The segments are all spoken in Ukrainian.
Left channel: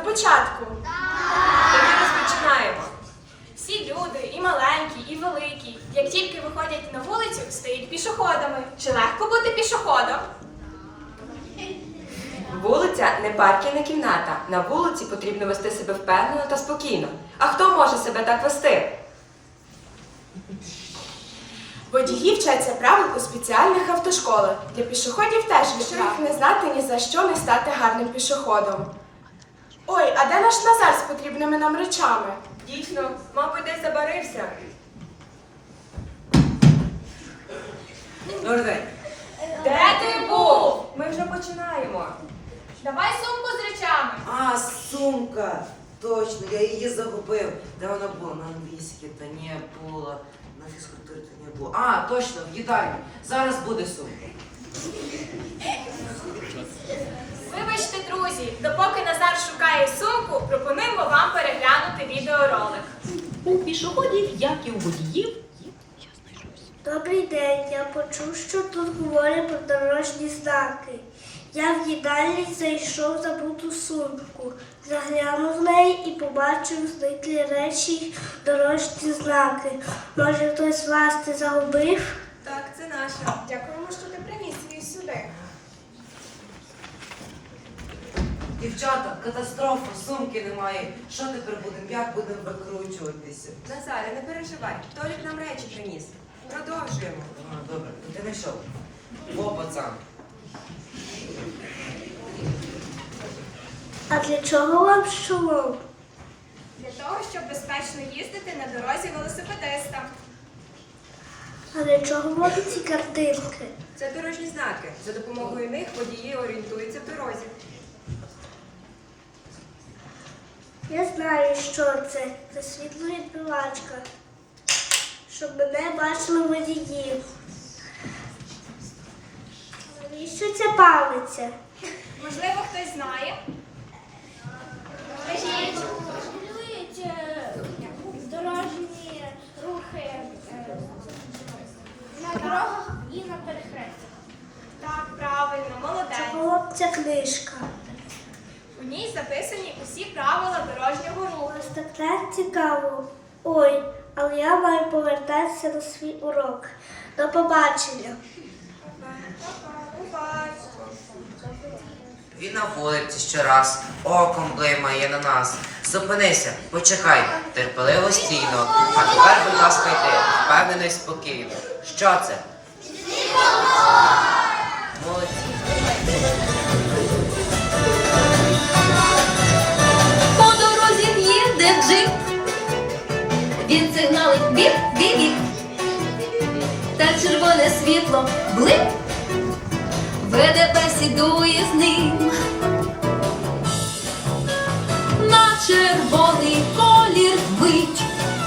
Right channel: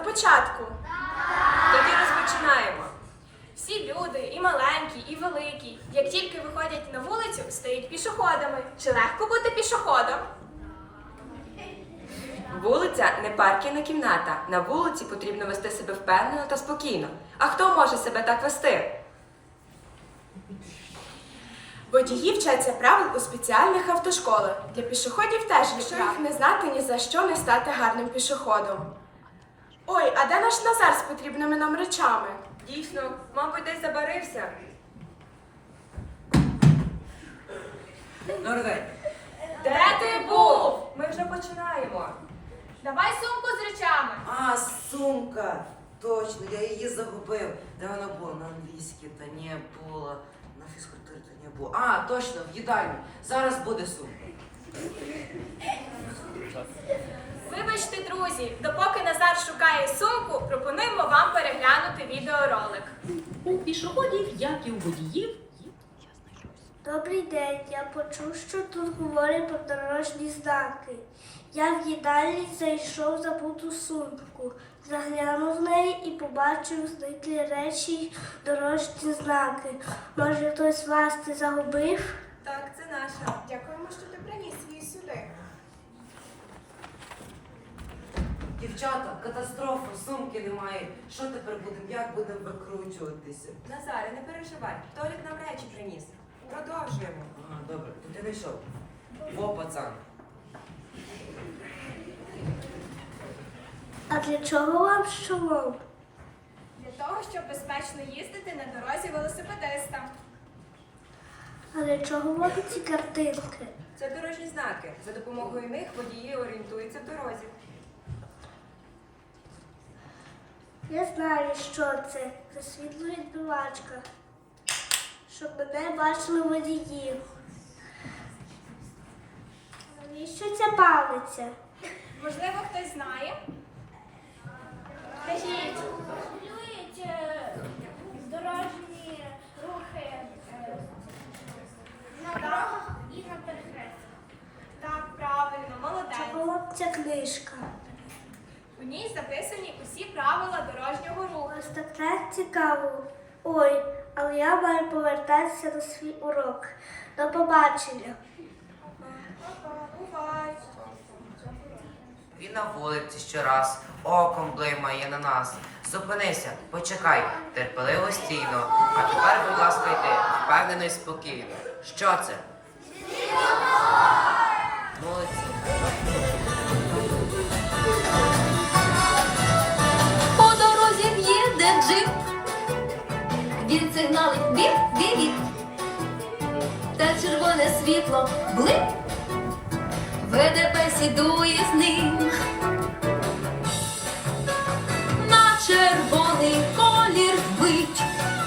початку? Тоді розпочинаємо. Всі люди, і маленькі, і великі, як тільки виходять на вулицю, стають пішоходами. Чи легко бути пішоходом? Вулиця не парківна кімната. На вулиці потрібно вести себе впевнено та спокійно. А хто може себе так вести? Водії вчаться правил у спеціальних автошколах. Для пішоходів теж якщо їх не знати, ні за що не стати гарним пішоходом. Ой, а де наш Назар з потрібними нам речами? Дійсно, мабуть, десь забарився. Добрий. Де ти був? Ми вже починаємо. Давай сумку з речами. А, сумка. Точно, я її загубив. Де вона була? На англійській та не було. На фізкультурі та не було. А, точно, в їдальні. Зараз буде сумка. Вибачте, друзі, допоки Назар шукає сумку, пропонуємо вам переглянути відеоролик. У пішоходів, як і у водіїв, є Добрий день. Я почув, що тут говорять про дорожні знаки. Я в їдальні зайшов забуту сумку, заглянув в неї і побачив зниклі речі дорожні знаки. Може, хтось вас це загубив? Так, це наша. Дякуємо, що ти приніс її сюди. Дівчата, катастрофа, сумки немає. Що тепер будемо? Як будемо викручуватися? Назаре, не переживай. Толік нам речі приніс. Продовжуємо. А, добре, то ти знайшов. Во, пацан. А для чого вам шолом? Для того, щоб безпечно їздити на дорозі велосипедистам. А для чого вам ці картинки? Це дорожні знаки. За допомогою них водії орієнтуються в дорозі. Я знаю, що це. Це світловідбивачка. Щоб мене бачили водії. Навіщо ця палиця? Можливо, хтось знає? Скажіть. Е, дорожні дорогах і на перехрестях. Так, правильно, молодець. Ця книжка? У ній записані усі правила дорожнього руху. Ось так цікаво. Ой, але я маю повертатися на свій урок. До побачення. Він на вулиці щораз, оком блимає на нас. Зупинися, почекай, терпеливо стійно. А тепер, будь ласка, йди, впевнено і спокійно. Що це? Молодці. По дорозі їде джип. Він сигналить біп, біп, біп. Та червоне світло блип. ВДП сідує з ним. Червоний колір мить.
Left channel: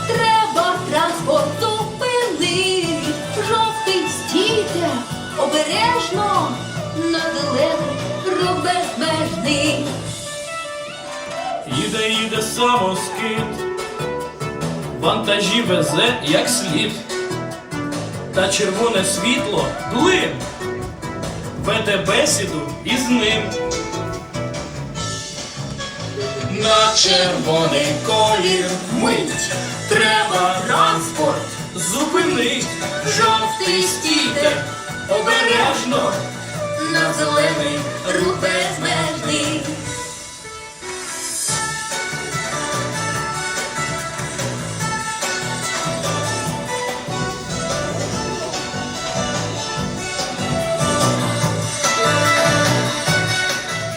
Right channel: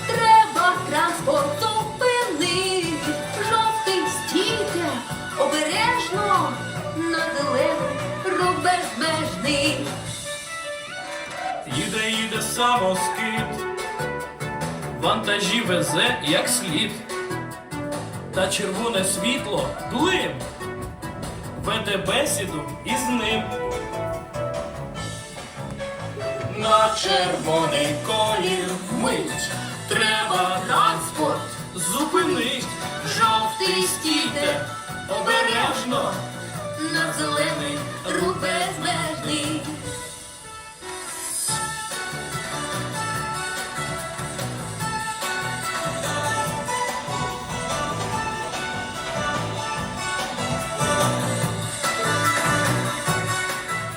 Треба транспорт зупинить. Жовтий стійте, обережно. На зелений рух безмежний. Їде, їде самоскид, вантажі везе як слід, та червоне світло блин, веде бесіду із ним. На червоний колір. Мить, треба транспорт. Зупинить, жовтий стійте, обережно, на зелений рух безмежний.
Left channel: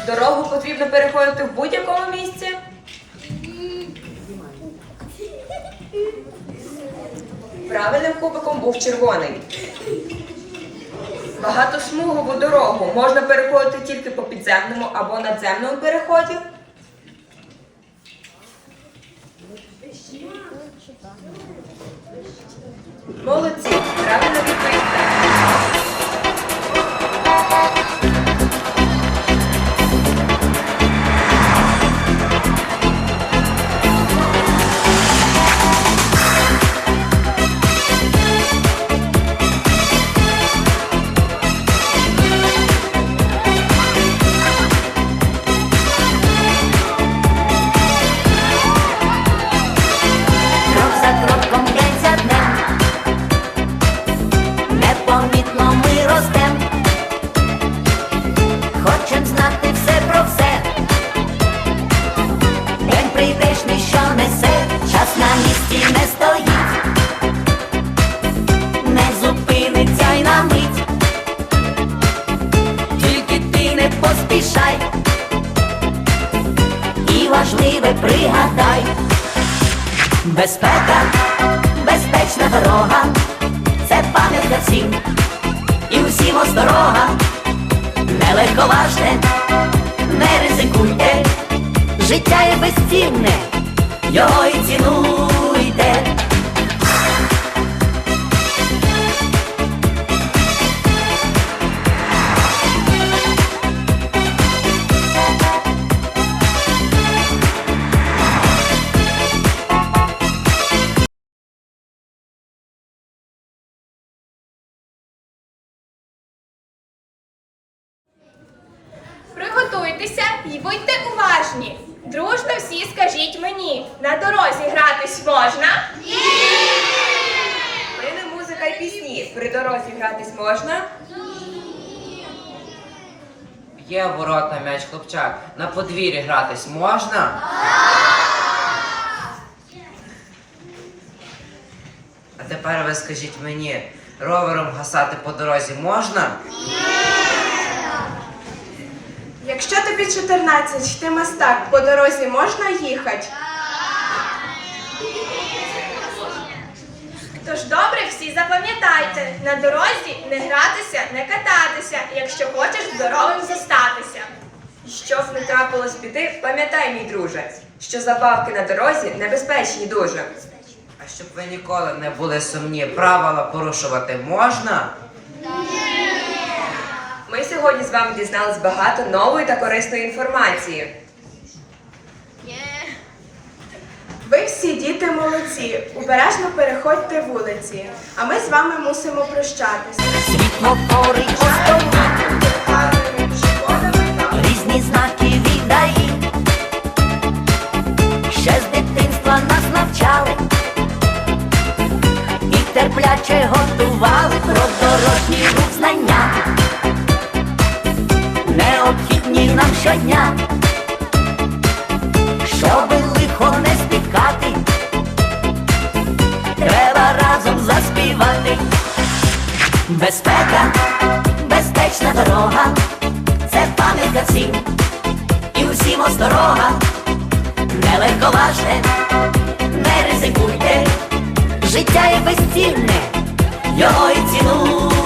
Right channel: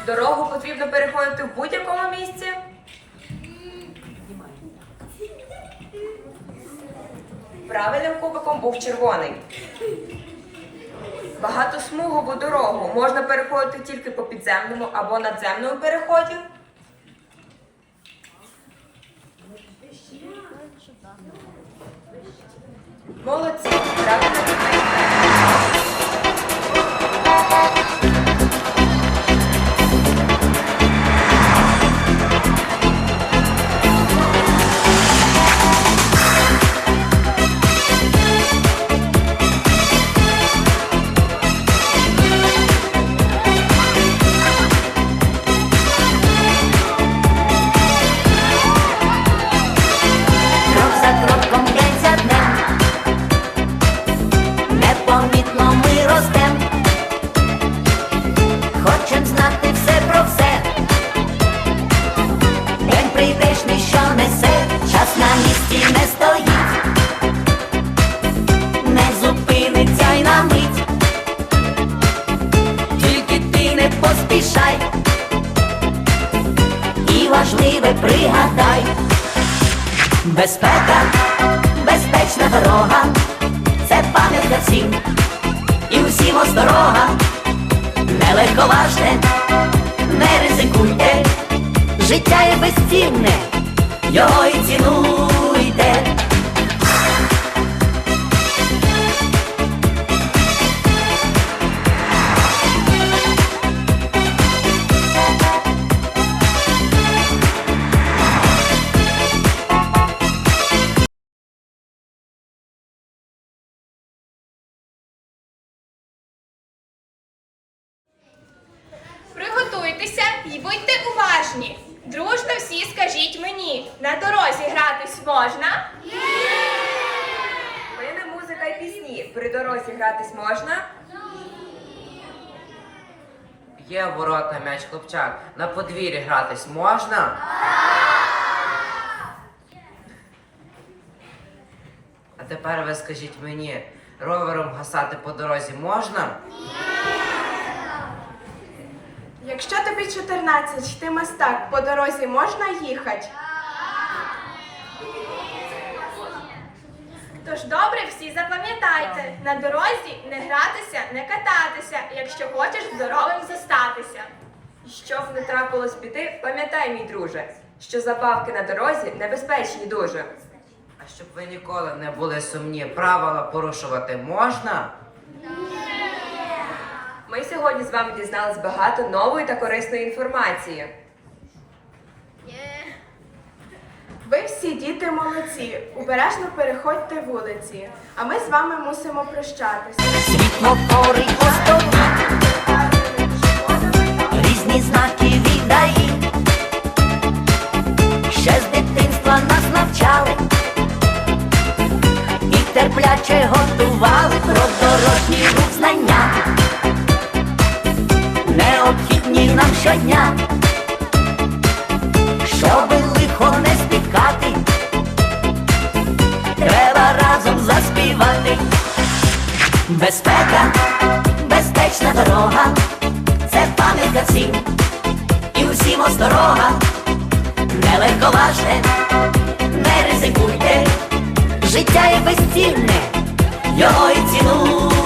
Дорогу потрібно переходити в будь-якому Правильним кубиком був червоний. Багатосмугову дорогу можна переходити тільки по підземному або надземному переході. Молодці, поспішай, і важливе пригадай, безпека, безпечна дорога, це пам'ять для всім. І усім осторога, не легковажте, не ризикуйте, життя є безцінне, його і цінуй. Уважні. Дружно всі скажіть мені, на дорозі гратись можна? Плине музика й пісні. При дорозі гратись можна? Б'є в ворота м'яч хлопчак. На подвір'ї гратись можна? А тепер ви скажіть мені, ровером гасати по дорозі можна? Якщо тобі 14, ти мастак, по дорозі можна їхати? Тож добре всі запам'ятайте, на дорозі не гратися, не кататися, якщо хочеш здоровим зостатися. І Щоб не трапилось піти, пам'ятай, мій друже, що забавки на дорозі небезпечні дуже. А щоб ви ніколи не були сумні, правила порушувати можна? Ми сьогодні з вами дізнались багато нової та корисної інформації. Ви всі діти молодці, обережно переходьте вулиці, а ми з вами мусимо прощатися. Світлофори постоять, різні знаки віддаї. Ще з дитинства нас навчали і терпляче готували про дорожній рух знання. Необхідні нам щодня, щоби лихо не спіткати, треба разом заспівати. Безпека, безпечна дорога, це пам'ятка всім, і усім осторога, не легковажте, не ризикуйте, життя є безцінне, його і цінуйте.